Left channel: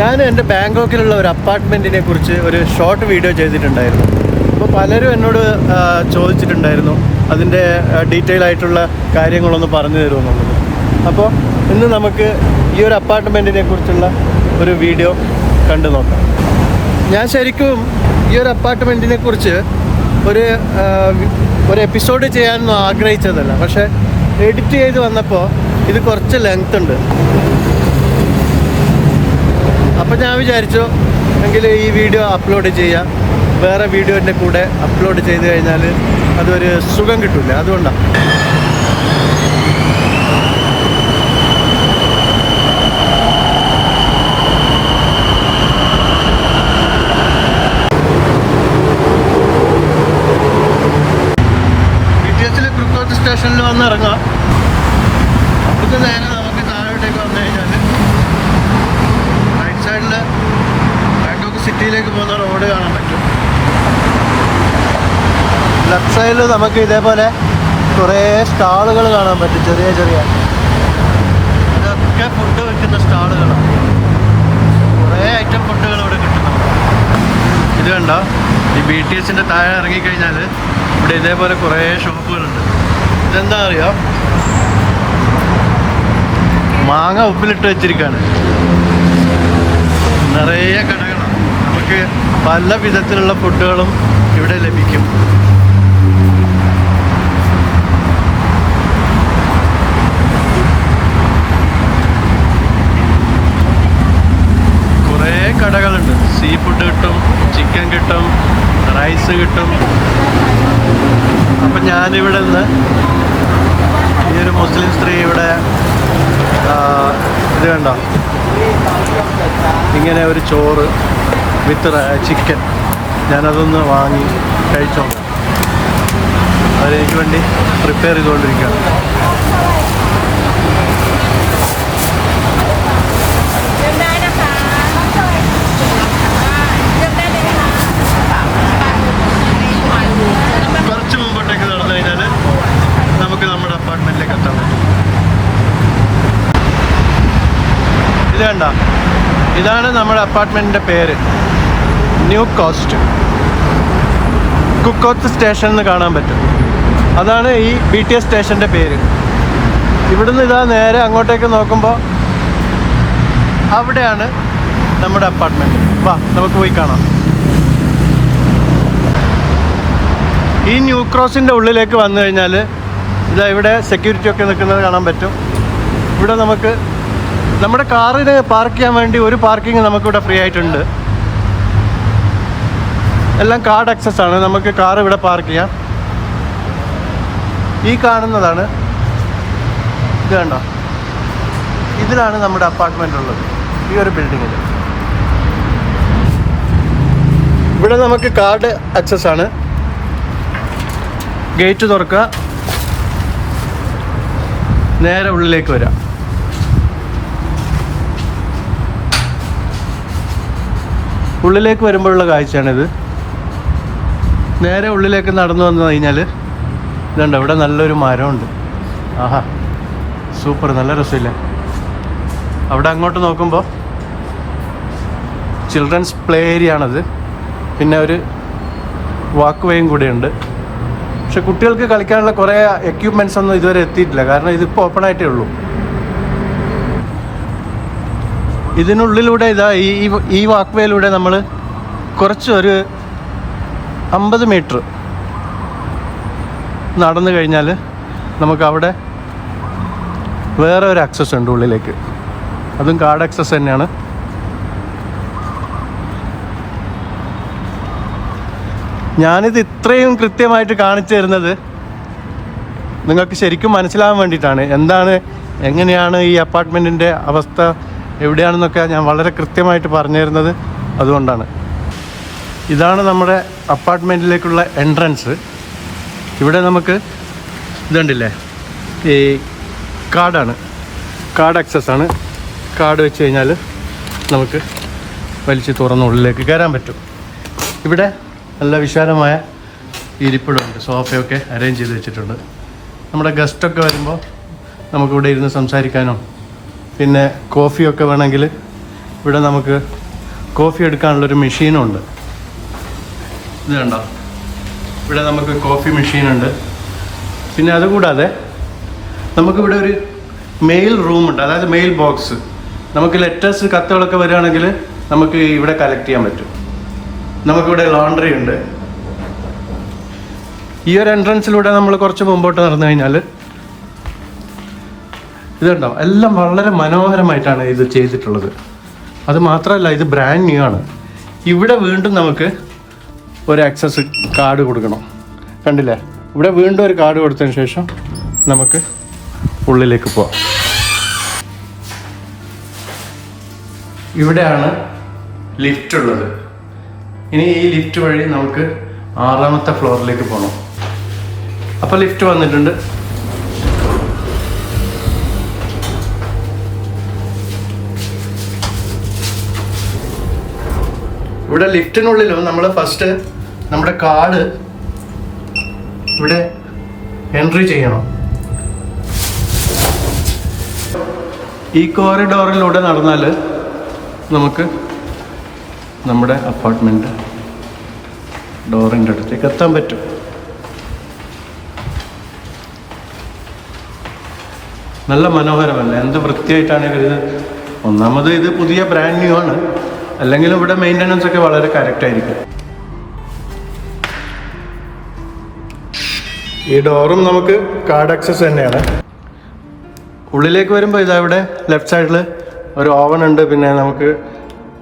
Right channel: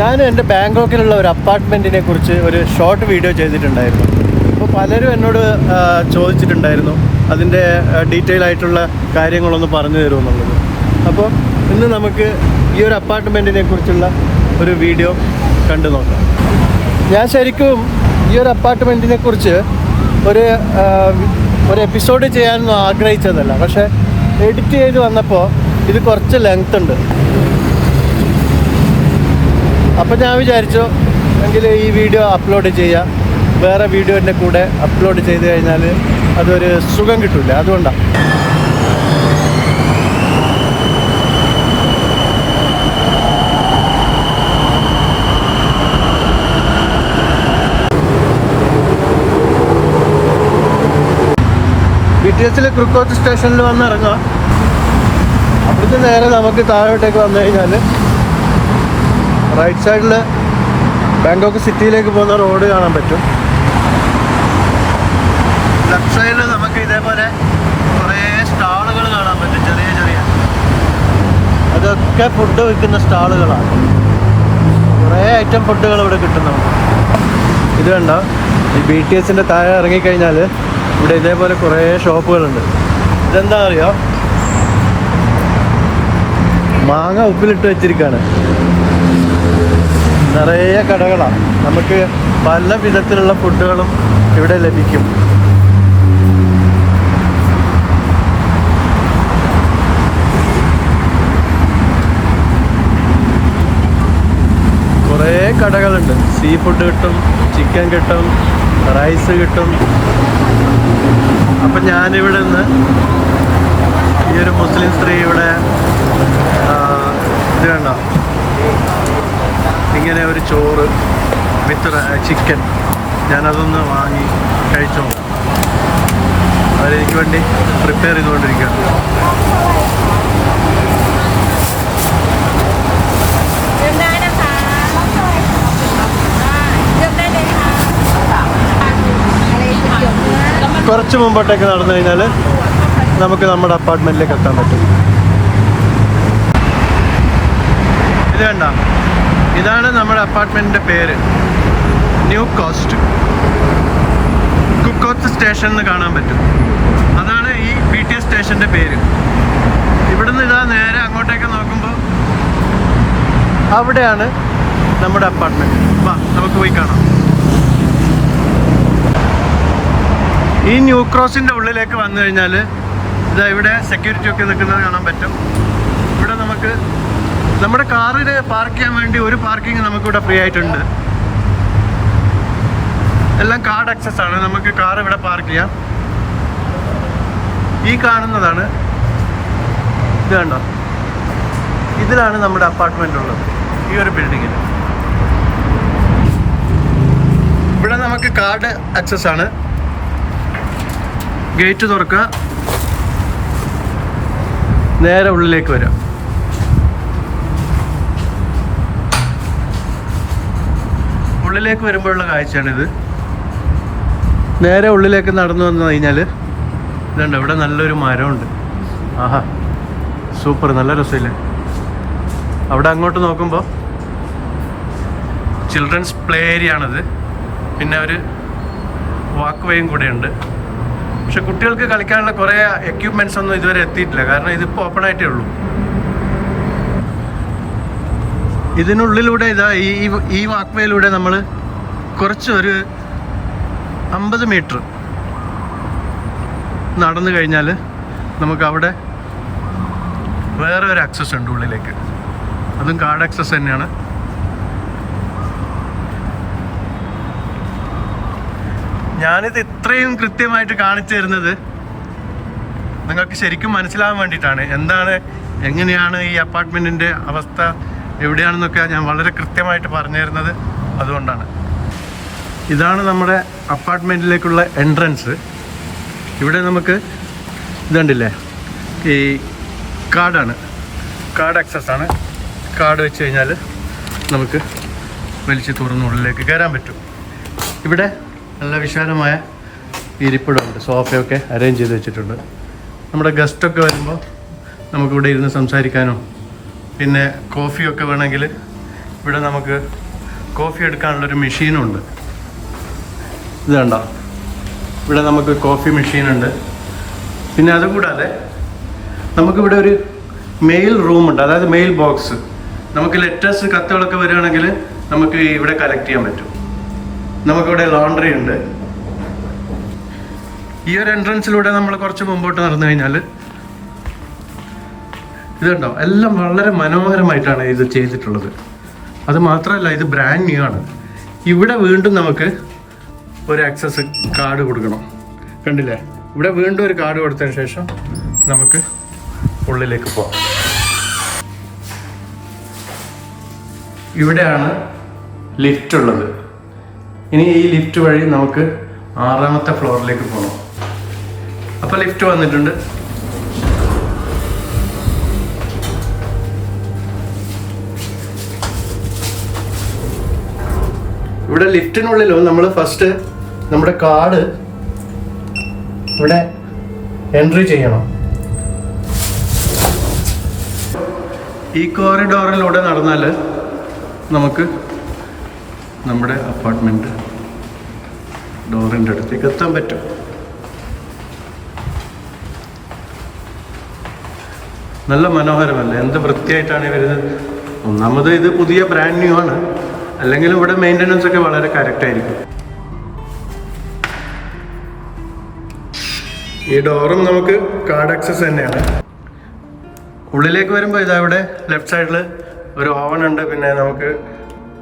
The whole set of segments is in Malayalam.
ഞാൻ എന്റെ ബാങ്കോക്കിലുള്ള ഒരു അപ്പാർട്ട്മെന്റിനെ കുറിച്ച് ഒരു ഷോർട്ട് വീഡിയോ ചെയ്തിട്ടുണ്ടായിരുന്നു. അപ്പോൾ പലരും എന്നോട് ചോദിച്ചിട്ടുണ്ടായിരുന്നു അതിന്റെ ഡീറ്റെയിൽ ആയിട്ടുള്ള കാര്യങ്ങളൊന്ന് പറഞ്ഞു തരുമെന്നുള്ളത് അപ്പോൾ ഇന്ന് നമുക്ക് ഈ ഒരു അപ്പാർട്ട്മെന്റിനെ കുറിച്ചുള്ള ഒരു വീഡിയോ കണ്ടു നോക്കാം. ഞാൻ ശരിക്കും ഈ ഒരു അപ്പാർട്ട്മെന്റിനെ കുറിച്ച് ഒരു ഒരു എപ്പിസോഡ് ചെയ്യാനൊന്നും ആഗ്രഹിച്ചതല്ല. പക്ഷേ എഡിറ്റ് ചെയ്ത് വന്നപ്പോൾ ഇത് കുറച്ച് ലെങ്ത് ഉണ്ട്. അപ്പം ഞാൻ വിചാരിച്ചു എങ്കിൽ ഈ വീഡിയോ അപ്ലോഡ് ചെയ്യാം. വേറെ വീഡിയോന്റെ കൂടെ അപ്ലോഡ് ചെയ്ത് കഴിഞ്ഞാൽ അതൊരു സുഖം കിട്ടില്ല അതുകൊണ്ടാണ് ബി ടി എസിൽ ക്രിക്കോത്ത് സ്റ്റേഷനിൽ വന്ന് ഇറങ്ങാം അവിടുത്തെ നേരെ നമുക്ക് താഴോട്ടേക്ക് വന്നു കഴിഞ്ഞാൽ റൈറ്റ് സൈഡിൽ ബാങ്കോക്ക് സിറ്റിയിലേക്ക് പോകുന്ന റോഡ് കാണാൻ പറ്റും. ലെഫ്റ്റ് സൈഡിൽ നമുക്ക് ഇതേപോലെ കുറേ സ്റ്റാളുകൾ കാണാൻ പറ്റും ചെറിയ ചെറിയ. അതൊക്കെ ഫുഡ് വിൽക്കുന്ന സ്റ്റാളുകളാണ്. കുറേ ഐറ്റം ഫുഡുകൾ ഇവിടെ കിട്ടും നമുക്ക്. ഇത് കണ്ടോ? ഈ ബി ടി എസിന്റെ താഴെ ഇറങ്ങിക്കഴിഞ്ഞാൽ ഇവിടെ ഇതേപോലെ കുറേ ഷോപ്പുകളുണ്ട്. ഇതെന്താ അറിയോ? മാങ്ങ ഉപ്പിലിട്ട് വെച്ചിരിക്കുകയാണ് നിറയെ കടകളാണ്. നമുക്ക് പല വിധത്തിലുള്ള ഫുഡുകളും ഇവിടെ ലഭിക്കും. കുറേ കടകളുണ്ട്. സീ ഫുഡ് കിട്ടും ചിക്കൻ കിട്ടും റൈസ് കിട്ടും. അപ്പം ഞാനിവിടെ നിന്ന് ഈ ഒരു മുസ്ലിം സ്ത്രീ ഇവിടെ ഇത് കണ്ടോ? ഇങ്ങനെ ഒരു ചോറ് വിത്ത് ചിക്കൻ ഞാനതൊന്ന് വാങ്ങി കഴിച്ചോണ്ട് അവരെനിക്ക് വേണ്ടി പ്രിപ്പയർ ചെയ്തുകൊണ്ടിരിക്കുകയാണ്. കുറച്ച് മുമ്പോട്ടേക്ക് നടന്നു കഴിഞ്ഞാൽ നമുക്ക് നമ്മുടെ അപ്പാർട്ട്മെന്റിലേക്ക് എത്താൻ പറ്റും. ഇത് വേണ്ട ഇതാണ് നമ്മുടെ അപ്പാർട്ട്മെന്റിന്റെ പേര്. ന്യൂ കോസ്റ്റ് കുക്കോത്ത് സ്റ്റേഷൻ എന്ന് കാണാൻ പറ്റും. അതാണ് ഈ ബി ടി എസ് സ്റ്റേഷന്റെ പേര്. ഇവിടുന്ന് ഇതാ നേരെ അങ്ങോട്ടേക്ക് നോക്കുമ്പോൾ അവിടെയാണ് നമ്മുടെ അപ്പാർട്ട്മെന്റ് വാ നമുക്ക് പോയി കാണാം. ഈ ന്യൂ ക്രോസിന്റെ ഉള്ളിലേക്ക് വന്നു കഴിഞ്ഞാൽ ഇതാ ഇവിടെ സെക്യൂരിറ്റി ഒക്കെ നിൽക്കുന്നത് കാണാൻ പറ്റും. ഇവിടെ നമുക്ക് നമ്മുടെ കാറിന് പാർക്ക് ചെയ്യാൻ വേണ്ടി ഒരു പാർക്കിംഗ് നമുക്കിവിടെ ഫ്രീ ആയിട്ടുണ്ട്. എല്ലാം കാർഡ് അക്സസ് ആണ്. നമുക്ക് കാർ ഇവിടെ പാർക്ക് ചെയ്യാം. ഈ കാണുന്നതാണ്. ഇത് കണ്ടോ? ഇതിലാണ് നമ്മുടെ അപ്പാർട്ട്മെന്റ് ഉള്ളത്. ഈ ഒരു ബിൽഡിങ്ങിൽ ഇവിടെ നമുക്ക് കാർഡ് അക്സസ് ആണ്. ഗേറ്റ് തുറക്കുക. നേരെ ഉള്ളിലേക്ക് വരാം. ഉള്ളിലേക്ക് വരുമ്പോഴുള്ള കാഴ്ചയാണിത്. നേരെ ഉള്ളിലേക്ക് നടന്നു വന്നു കഴിഞ്ഞാൽ ഇതുണ്ട് ഇവിടെ നല്ലൊരു മരമുണ്ട്. ആഹാ സൂപ്പർ നല്ല രസമില്ലേ? അവിടെ അങ്ങോട്ട് നോക്കുമ്പോൾ ചിൽഡ്രൻസ് പ്ലേ ഏരിയ ആണത് പിന്നെ ഒരു വാക്ക് വേയും കൂടെയുണ്ട്. പക്ഷെ കുട്ടികൾക്ക് കളിക്കാനുള്ള കുറേ എക്യുപ്മെന്റ്സ് ഒന്നും ഇതുവരെ എത്തിയിട്ടില്ല. കാരണം ഇതിപ്പോൾ ഓപ്പൺ ആയിട്ടേ ഉള്ളൂ. ഇതിനുള്ളിലൂടെ ഇതാ ഈ ഈ- വാക്വേയിലൂടെ നമ്മൾ കുറച്ചൊരു അമ്പത് മീറ്റർ നടന്നു കഴിഞ്ഞാൽ നമുക്ക് അവിടെ വേറെ ഒരു ആക്സസ് ഉണ്ട് ഉള്ളിലേക്ക്. അതും കാർഡ് ആക്സസ് തന്നെയാണ്. ഞാനിത് ഇത്രയും കൃത്യമായിട്ട് കാണിച്ചു തരുന്നത് നിങ്ങൾക്ക് ശരിക്കും മനസ്സിലാവാൻ വേണ്ടിയിട്ടാണ്. എന്താണ് എങ്ങനെയാണ് ഈ അപ്പാർട്ട്മെന്റിന്റെ അവസ്ഥ? എവിടെയാണെന്നൊക്കെ ഞാൻ വളരെ കൃത്യമായിട്ട് പറഞ്ഞു തരുന്നത് അതുകൊണ്ടാണ്. ഇതാണ് നമ്മുടെ അപ്പാർട്ട്മെന്റിലേക്കുള്ള എൻട്രൻസ്. ഇവിടെ നമുക്ക് ഇതുണ്ടില്ലേ ഈ കാർഡാണ് കാർഡ് ആക്സസ് ആണ്. കാർഡ് വെച്ച് കഴിഞ്ഞാൽ നമുക്ക് വലിച്ച് തുറന്ന് ഉള്ളിലേക്ക് കയറാൻ പറ്റും. ഇവിടെ നല്ല വിശാലമായ ഇരിപ്പിടമുണ്ട്. സോഫയൊക്കെ അറേഞ്ച് ചെയ്ത് വെച്ചിട്ടുണ്ട്. നമ്മുടെ ഗസ്റ്റൊക്കെ വരുമ്പോൾ നമുക്കിവിടെ ഇരുന്ന് സംസാരിക്കാനോ പിന്നെ കോഫിയൊക്കെ വേണമെങ്കിൽ ഇവിടെ നമുക്ക് കോഫി എടുക്കാനുള്ളൊരു മെഷീനുണ്ട്. ഇത് കണ്ടോ? ഇവിടെ നമുക്ക് കോഫി മെഷീനുണ്ട്. പിന്നെ അതുകൂടാതെ നമുക്കിവിടെ ഒരു മെയിൽ റൂമുണ്ട് അതായത് മെയിൽ ബോക്സ് നമുക്ക് ലെറ്റേഴ്സ് കത്തുകളൊക്കെ വരികയാണെങ്കിൽ നമുക്ക് ഇവിടെ കളക്ട് ചെയ്യാൻ പറ്റും. നമുക്കിവിടെ ലോണ്ടറി ഉണ്ട്. ഈ ഒരു എൻട്രൻസിലൂടെ നമ്മൾ കുറച്ച് മുമ്പോട്ട് നടന്നു കഴിഞ്ഞാൽ ഇത് കണ്ടോ എല്ലാം വളരെ മനോഹരമായിട്ടാണ് ഇത് ചെയ്തിട്ടുള്ളത്. അത് മാത്രമല്ല ഇത് ബ്രാൻഡ് ന്യൂ ആണ്. ഇവിടെ വീണ്ടും നമുക്ക് ഒരു ആക്സസ് കാർഡ് കൊടുക്കണം. കണ്ടില്ലേ? ഇവിടെ വീണ്ടും ഒരു കാർഡ് കൊടുത്തതിന് ശേഷം നമുക്ക് ഉള്ളിലേക്ക് പോവാം. ഇവിടെയാണ് ലിഫ്റ്റ് ഉള്ളത്. ഇനി ഈ ലിഫ്റ്റ് വഴി നമുക്ക് ആറാമത്തെ ഫ്ലോറിലേക്ക് പോകണം അപ്പോൾ ലിഫ്റ്റ് വന്നിട്ടുണ്ട്. ഇവിടെ ലിഫ്റ്റിനുള്ളിലും നമ്മൾ ഫസ്റ്റ് നമ്മുടെ കാർഡ് ഇവിടെ എൻട്രി ചെയ്യണം. ഈ കോറിഡോറിലൂടെ നടന്നാൽ നമുക്ക് നമ്മുടെ അപ്പാർട്ട്മെന്റ് ഡോറിന്റെ അടുത്തേക്ക് എത്താൻ പറ്റും. നല്ല മനോഹരമല്ല? എന്ത് വൃത്തിയായിട്ടാണ് ഇവരിത് ഒന്നാമത് ഇത് പുതിയ ബ്രാൻഡ് ന്യൂ ആണ്. അല്ലെങ്കിൽ ഇവിടെ മെയിന്റനൻസ് ഒക്കെ വളരെ കറക്റ്റ് ആയിരിക്കും. ഈ ഡോറും നമുക്ക് കാർഡ് ആക്സസ് തന്നെയാണ്. ഉള്ളിലേക്ക് വരുമ്പോൾ ഇതാ ഇവിടെ ലെഫ്റ്റ് സൈഡിൽ ഒരു ഓവൻ ഉണ്ട്. പിന്നെ നമുക്ക്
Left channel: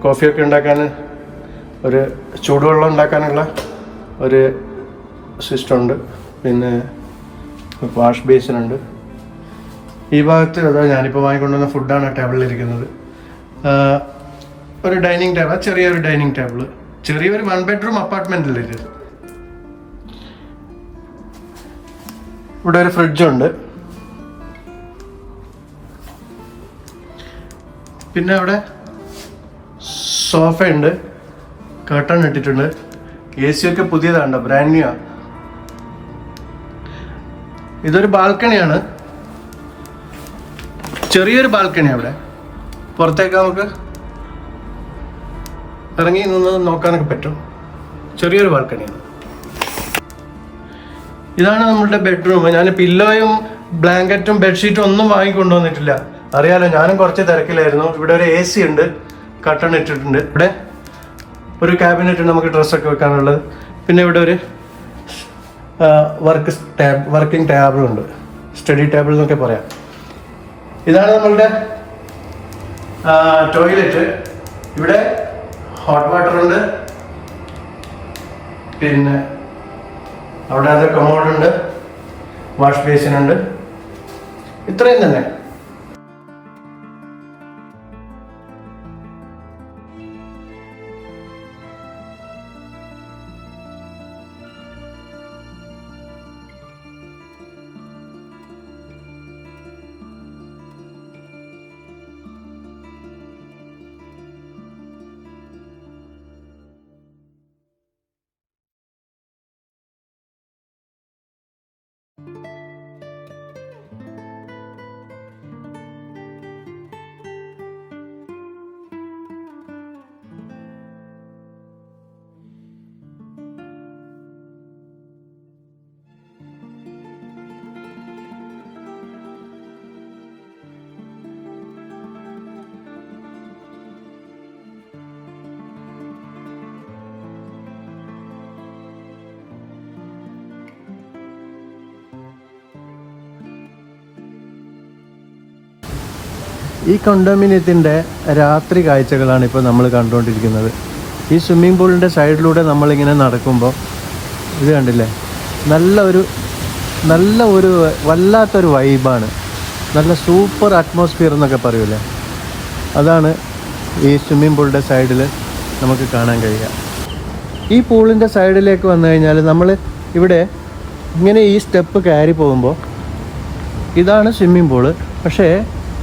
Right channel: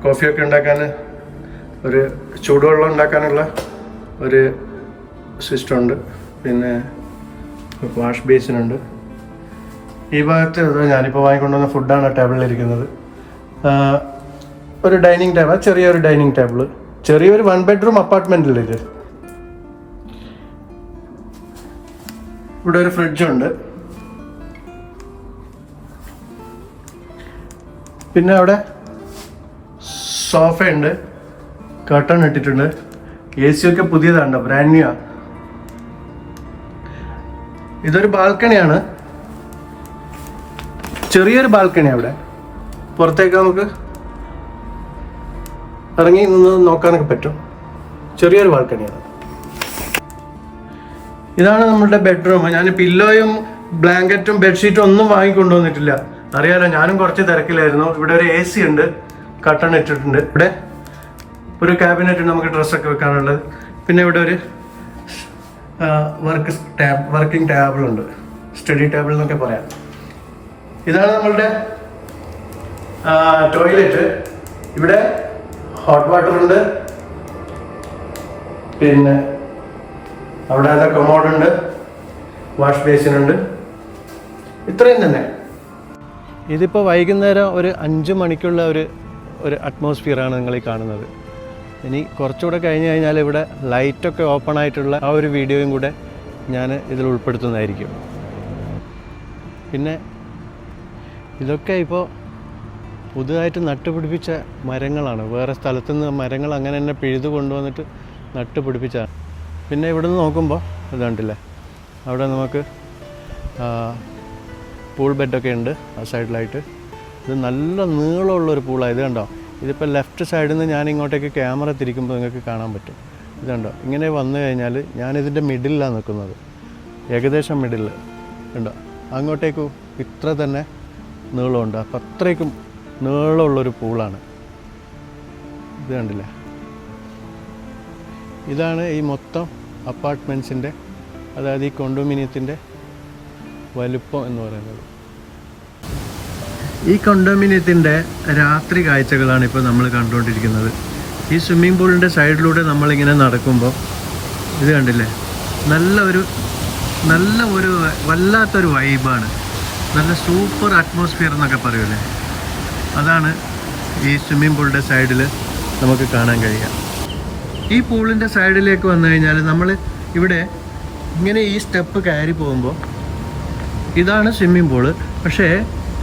കോഫിയൊക്കെ ഉണ്ടാക്കാൻ ഒരു ചൂടുവെള്ളം ഉണ്ടാക്കാനുള്ള ഒരു സിസ്റ്റം ഉണ്ട്. പിന്നെ വാഷ് ബേസിൻ ഉണ്ട്. ഈ ഭാഗത്ത് ഞാനിപ്പോൾ വാങ്ങിക്കൊണ്ടുവന്ന ഫുഡാണ് ടേബിളിലിരിക്കുന്നത് ഒരു ഡൈനിങ് ടേബിൾ ചെറിയൊരു ഡൈനിങ് ടേബിൾ ചെറിയൊരു വൺ ബെഡ്റൂം അപ്പാർട്ട്മെന്റിൽ ഇത്? ഇവിടെ ഒരു ഫ്രിഡ്ജുണ്ട് പിന്നെ അവിടെ സോഫയുണ്ട് കർട്ടൺ ഇട്ടിട്ടുണ്ട്. എ സി ഒക്കെ പുതിയതാണ് ബ്രാൻഡ് ന്യൂ ഇതൊരു ബാൽക്കണിയാണ് ചെറിയൊരു ബാൽക്കണി അവിടെ. പുറത്തേക്ക് നമുക്ക് ഇറങ്ങി നിന്ന് നോക്കാനൊക്കെ പറ്റും. ചെറിയൊരു ബാൽക്കണിയാണ് ഇതാണ് നമ്മുടെ ബെഡ്റൂം ഞാൻ പില്ലോയും ബ്ലാങ്കറ്റും ബെഡ്ഷീറ്റും ഒന്നും വാങ്ങിക്കൊണ്ടുവന്നിട്ടില്ല അറിയാലോ ഞാനും കുറച്ച് തിരക്കിലായിരുന്നു. ഇവിടെ ഒരു എ സി ഉണ്ട്. കട്ടൺ ഇട്ടിട്ടുണ്ട്. ഇവിടെ ഒരു ക്യാബിനറ്റ് നമുക്ക് ഡ്രസ്സൊക്കെ വെക്കാനുള്ളത്. പിന്നെ ഇവിടെ ഒരു വർക്ക് ടാബ് വർക്കിംഗ് ടേബിളുണ്ട് സ്റ്റഡി ടേബിൾ എന്നൊക്കെ പറയാം. ഇതാണ് നമ്മളുടെ ടോയ്ലറ്റ് ഇവിടെ ഹോട്ട് വാട്ടർ ഉണ്ട്. പിന്നെ അവിടെ അത് കമോഡ് ഉണ്ട്. വാഷ് ബേസിൻ ഉണ്ട്. ഇത്രയും തന്നെ. ഇതിപ്പോൾ വൈകുന്നേരം ഒരു അഞ്ച് മണിക്കുള്ള ഒരു ഒരു അറ്റ്മോസ്ഫിയറാണ് നിങ്ങൾ ഈ കാണുന്നത്. ഇനി കുറച്ചുകൂടെ കഴിഞ്ഞ് കഴിഞ്ഞാൽ ഇവിടെ ലൈറ്റൊക്കെ ഓപ്പൺ ആയിട്ടുള്ള ആ ഒരു വീഡിയോയും കൂടെ ഞാൻ ഇതിൽ ഉൾപ്പെടുത്തുന്നതായിരിക്കും. പിന്നെ ഇതൊക്കെ ഇപ്പോൾ പുതുതായിട്ട് നട്ടുപിടിപ്പിച്ച മരങ്ങളാണ്. വേറെ സ്ഥലത്തു നിന്ന് മരങ്ങൾ അങ്ങനെ തന്നെ പിഴുതു കൊണ്ടുവന്നിട്ട് നട്ടുപിടിപ്പിച്ചാണ് പിന്നെ ഇവിടെ നിന്ന് നോക്കുമ്പോൾ ഇതുണ്ടല്ലേ അവിടെ നമുക്ക് പൂൾ ബെഡൊക്കെ ഉണ്ട് ആ സൈഡിലായിട്ട് ഇത് നല്ല നീളമുള്ളൊരു പൂളാണ് ഇത് കണ്ടോ? ഇതിപ്പോൾ ലെഫ്റ്റ് സൈഡിൽ നിന്ന് ഞാൻ ഇങ്ങോട്ടേക്ക് ക്യാമറ തിരിക്കുമ്പോൾ നിങ്ങൾക്ക് കാണാൻ പറ്റും. ഇതുണ്ടോ ഇങ്ങനെ വന്നു കഴിഞ്ഞാൽ ഞാനിതിന്റെ മിഡിലാണ് നിൽക്കുന്നത് ഏകദേശം മിഡിൽ ഉണ്ടോ അങ്ങോട്ടേക്ക് ഇത്ര തന്നെ നീളമുണ്ട്. അപ്പം അത്രയ്ക്കും നീളമുള്ളൊരു പൂളാണ്. ഇത് കണ്ടില്ലേ? ഇതാണ് ഈ മൊത്തം അപ്പാർട്ട്മെന്റ്സിന്റെ അതായത് ഈ കൊണ്ടോമിനിയത്തിന്റെ വലുപ്പം എന്ന് പറയുന്നത്. ഈ കൊണ്ടോമിനിയത്തിന്റെ രാത്രി കാഴ്ചകളാണ് ഇപ്പോൾ നമ്മൾ കണ്ടുകൊണ്ടിരിക്കുന്നത്. ഈ സ്വിമ്മിംഗ് പൂളിന്റെ സൈഡിലൂടെ നമ്മളിങ്ങനെ നടക്കുമ്പോൾ ഇത് കണ്ടില്ലേ? നല്ല ഒരു നല്ല ഒരു വല്ലാത്തൊരു വൈബാണ് നല്ല സൂപ്പർ അറ്റ്മോസ്ഫിയർ എന്നൊക്കെ പറയൂലേ? അതാണ് ഈ സ്വിമ്മിംഗ് പൂളിന്റെ സൈഡിൽ നമുക്ക് കാണാൻ കഴിയുക. ഈ പൂളിന്റെ സൈഡിലേക്ക് വന്നു കഴിഞ്ഞാൽ നമ്മൾ ഇവിടെ ഇങ്ങനെ ഈ സ്റ്റെപ്പ് കയറി പോകുമ്പോൾ ഇതാണ് സ്വിമ്മിംഗ് പൂൾ പക്ഷേ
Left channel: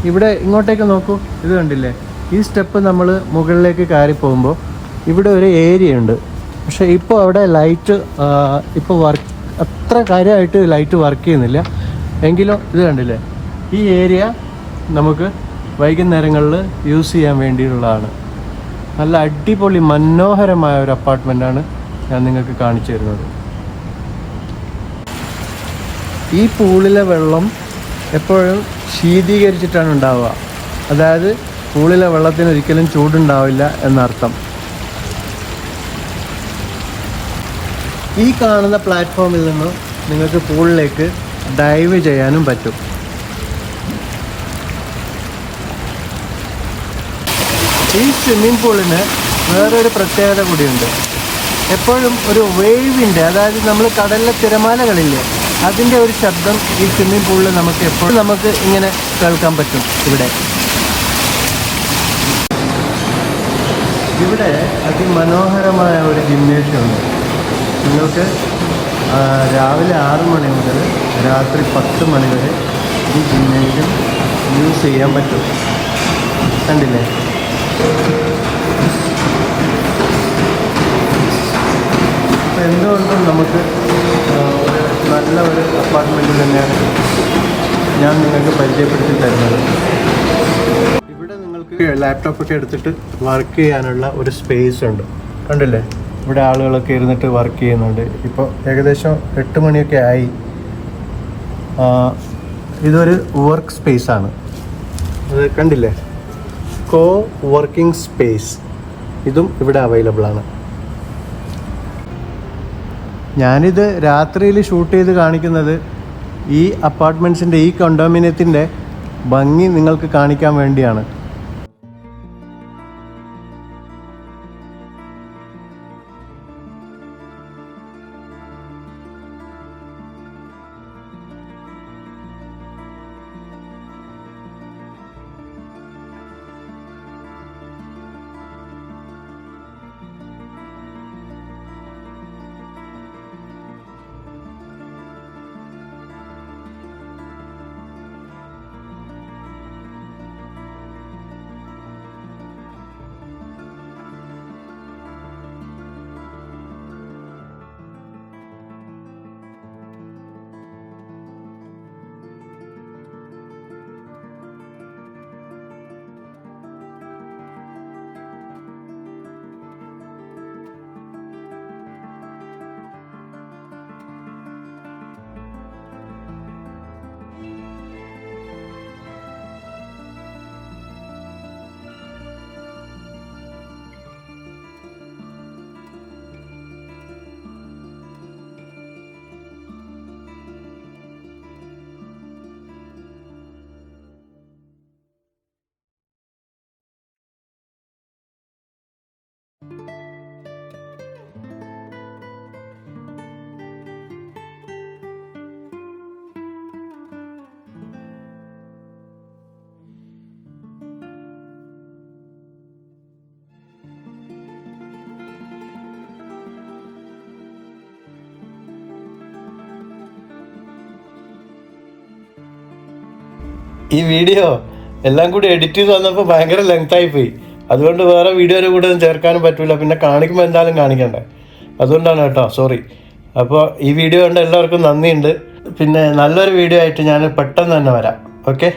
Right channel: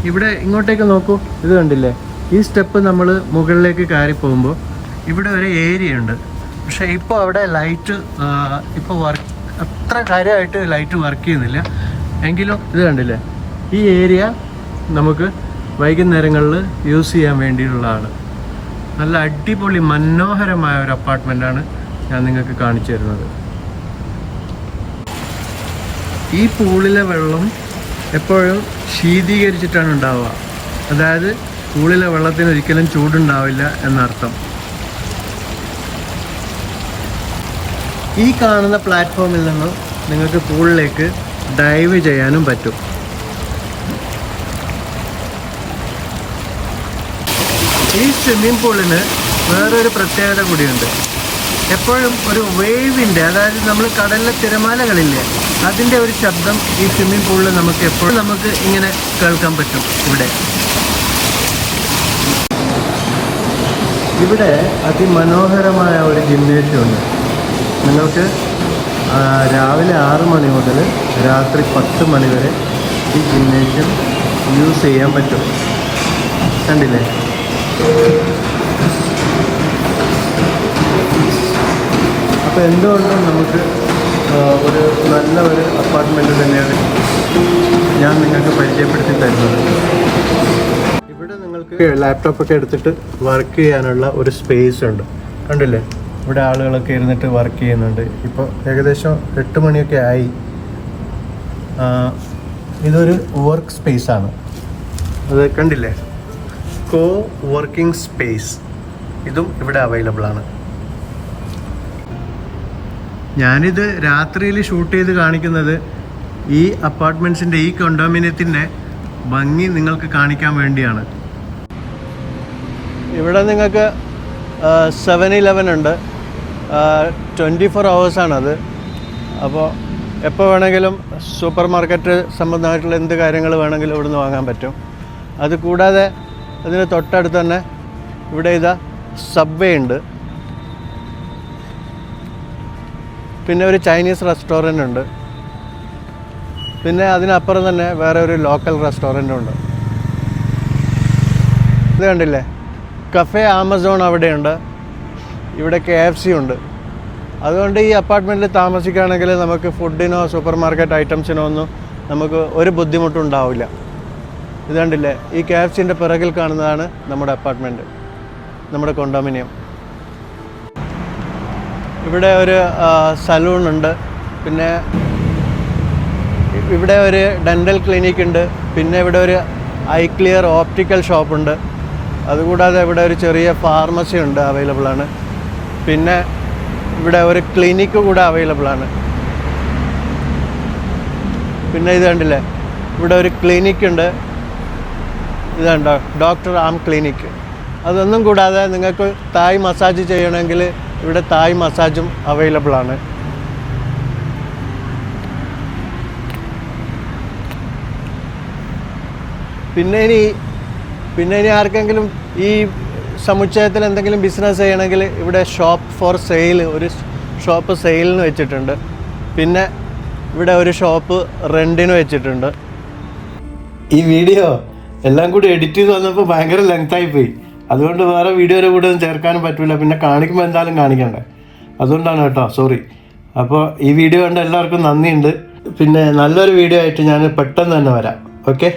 ഇവിടെ ഇങ്ങോട്ടേക്ക് നോക്കൂ ഇത് കണ്ടില്ലേ? ഈ സ്റ്റെപ്പ് നമ്മൾ മുകളിലേക്ക് കയറി പോകുമ്പോൾ ഇവിടെ ഒരു ഏരിയ ഉണ്ട്. പക്ഷേ ഇപ്പോൾ അവിടെ ലൈറ്റ് ഇപ്പോൾ വർക്ക് അത്ര കാര്യമായിട്ട് ലൈറ്റ് വർക്ക് ചെയ്യുന്നില്ല. എങ്കിലും ഇത് കണ്ടില്ലേ? ഈ ഏരിയ നമുക്ക് വൈകുന്നേരങ്ങളിൽ യൂസ് ചെയ്യാൻ വേണ്ടിയുള്ളതാണ് നല്ല അടിപൊളി മനോഹരമായ ഒരു അപ്പാർട്ട്മെന്റാണ് ഞാൻ നിങ്ങൾക്ക് കാണിച്ചു തരുന്നത്. ഈ പൂളിലെ വെള്ളം എപ്പോഴും ശീതീകരിച്ചിട്ടാണ് ഉണ്ടാവുക. അതായത് പൂളിലെ വെള്ളത്തിന് ഒരിക്കലും ചൂടുണ്ടാവില്ല എന്നർത്ഥം. ഈ കാണുന്ന പ്ലാറ്റ്ഫോമിൽ നിന്നും നിങ്ങൾക്ക് പൂളിലേക്ക് ഡൈവ് ചെയ്യാനും പറ്റും. ഈ സ്വിമ്മിംഗ് പൂളിന് വേറൊരു പ്രത്യേകത കൂടിയുണ്ട്. എപ്പോഴും ഒരു വേവിന്റെ അതായത് നമ്മൾ കടലിലെ തിരമാലകളില്ലേ അതിന്റെ ഒരു ശബ്ദം ഈ സ്വിമ്മിംഗ് പൂളിൽ നമുക്ക് എപ്പോഴും നമുക്ക് ഇങ്ങനെ കേൾക്കാൻ പറ്റും ഇവിടെ. ഇവിടെ അതിമനോഹരമായ ഒരു ജിംനേഷ്യം ഉണ്ട് നിങ്ങൾക്ക് രാവിലെ ആറ് മണി മുതൽ രാത്രി പത്ത് മണി വരെ ഈ ജിംനേഷ്യം യൂസ് ചെയ്യാൻ പറ്റും. കണ്ടില്ലേ? അപ്പോൾ എന്തുകൊണ്ടും നമുക്ക് ഒരു നല്ല ഒരു അപ്പാർട്ട്മെന്റ് തന്നെയാണ് ഞാൻ നിങ്ങൾക്ക് പരിചയപ്പെടുത്തി തരുന്നത്. ഇവിടെ നിങ്ങൾക്ക് ലാപ്ടോപ്പ് ഒക്കെ എടുത്തിട്ട് വർക്ക് ചെയ്യാനുള്ള ഒരു സ്പേസ് ഉണ്ട്. കണ്ടില്ലേ? ഇവിടെ ആളുകളൊക്കെ ഇരുന്നിട്ട് വർക്ക് ചെയ്യുന്നുണ്ട്. ഇപ്പോൾ ഏകദേശം എട്ട് മണിയൊക്കെ ആയി. ഇതൊരു വർക്ക് സ്പേസ് ആണ്. അത് കണ്ടില്ലേ? കോ വർക്കിംഗ് സ്പേസ് ഇതും ഇവിടെ അവൈലബിൾ ആണ്. ഞാനിത് രാത്രിയിൽ ഷൂട്ട് ചെയ്ത് കാണിക്കുന്നത് ഈ അപ്പാർട്ട്മെന്റ്സിന്റെ ഈ കൊണ്ടോമിനിയത്തിന്റെ ഭംഗി നിങ്ങൾക്ക് കാണിക്കാൻ വേണ്ടിയാണ്. ഇവിടെ നിങ്ങൾക്ക് സെവൻ ഇലവൻ ഉണ്ട്. ട്വന്റി ഫോർ ഹവേഴ്സാണത് അപ്പോൾ എപ്പോൾ വേണമെങ്കിലും സൂപ്പർ മാർക്കറ്റ് സംബന്ധമായിട്ടുള്ള എന്ത് കാര്യങ്ങൾ വേണമെങ്കിലും ഇവിടുന്ന് വാങ്ങാൻ പറ്റും. അത് കൂടാതെ അതിന് തൊട്ടടുത്ത് തന്നെ ഇവിടെ ഇതാ സബ്വേ ഉണ്ട്. പിന്നെ ഒരു ചൈനീസ് റെസ്റ്റോറന്റ് ഉണ്ട്. പിന്നെ അതിനപ്പുറം തന്നെ വേറെ ഒരു ലോക്കൽ റെസ്റ്റോറന്റ് ഉണ്ട്. ഇത് കണ്ടില്ലേ? കഫേ ആമസോൺ അവിടെയുണ്ട്. ഇവിടെ കെ എഫ് സി ഉണ്ട്. അതുകൊണ്ട് ഈ അപ്പാർട്ട്മെന്റിൽ താമസിക്കുകയാണെങ്കിൽ നമുക്ക് ഫുഡിനോ സൂപ്പർ മാർക്കറ്റ് ഐറ്റംസിനോ ഒന്നും നമുക്ക് ഒരു ബുദ്ധിമുട്ടും ഉണ്ടാവില്ല. ഇത് കണ്ടില്ലേ? ഈ കെ എഫ് സിന്റെ പിറകിൽ കാണുന്നതാണ് നമ്മുടെ അപ്പാർട്ട്മെന്റ് നമ്മുടെ കൊണ്ടോമിനിയം ഇവിടെ ഒരു സലൂൺ ഉണ്ട്. പിന്നെ ഇവിടെ ഒരു ഡെന്റൽ ക്ലിനിക് ഉണ്ട്. പിന്നെ ഇവിടെ ഒരു ഐ ക്ലിയർ ഓപ്റ്റിക്കൽ ഷോപ്പുണ്ട് അതുകൂടാതെ ഇവിടെ ഒരു ചെറിയ ഫാർമസി ഉണ്ട് അവൈലബിൾ ആണ്. പിന്നെ ഇവിടെ ഒരു ക്ലിനിക്ക് കൂടെ അവൈലബിൾ ആണ്. പിന്നെ ഇത് കണ്ടില്ലേ? ഇവിടെ ഒരു ക്ലിനിക്ക് ഉണ്ട്. ഇതുണ്ടോ? ഡോക്ടർ ആം ക്ലിനിക്ക് അതൊന്നും കൂടാതെ നിങ്ങൾക്ക് തായ് മസാജ് ചെയ്യണമെങ്കിൽ ഇവിടെ തായ് മസാജും അവൈലബിൾ ആണ്. പിന്നെ ഇനി പിന്നെ ഇനി ആർക്കെങ്കിലും ഈ സമുച്ചയത്തിൽ എന്തെങ്കിലും ബിസിനസ് ചെയ്യണമെങ്കിൽ ഇവിടെ ഷോപ്പ് ഫോർ സെയിൽ ഒരു ഷോപ്പ് സെയിലിന് വെച്ചിട്ടുണ്ട്. പിന്നെ ഇവിടെ ഒരു ഷോപ്പ് റെന്റിന് വെച്ചിട്ടുണ്ട്. ഈ വീഡിയോ എല്ലാം കൂടി എഡിറ്റ് ചെയ്ത് വന്നപ്പോൾ ഭയങ്കര ലെങ്ത് ആയി പോയി. അതുകൊണ്ട് വേറെ വീഡിയോയുടെ കൂടെ ഒന്നും ചേർക്കാനും പറ്റില്ല പിന്നെ കാണിക്കുമ്പോൾ എന്തായാലും കാണിക്കണ്ടേ? അതുകൊണ്ടാണ് കേട്ടോ സോറി അപ്പോൾ ഈ വീഡിയോ കണ്ട എല്ലാവർക്കും നന്ദിയുണ്ട്. പിന്നെ നല്ലൊരു വീഡിയോ ആയിട്ട് ഞാൻ പെട്ടെന്ന് തന്നെ വരാം. ഓക്കെ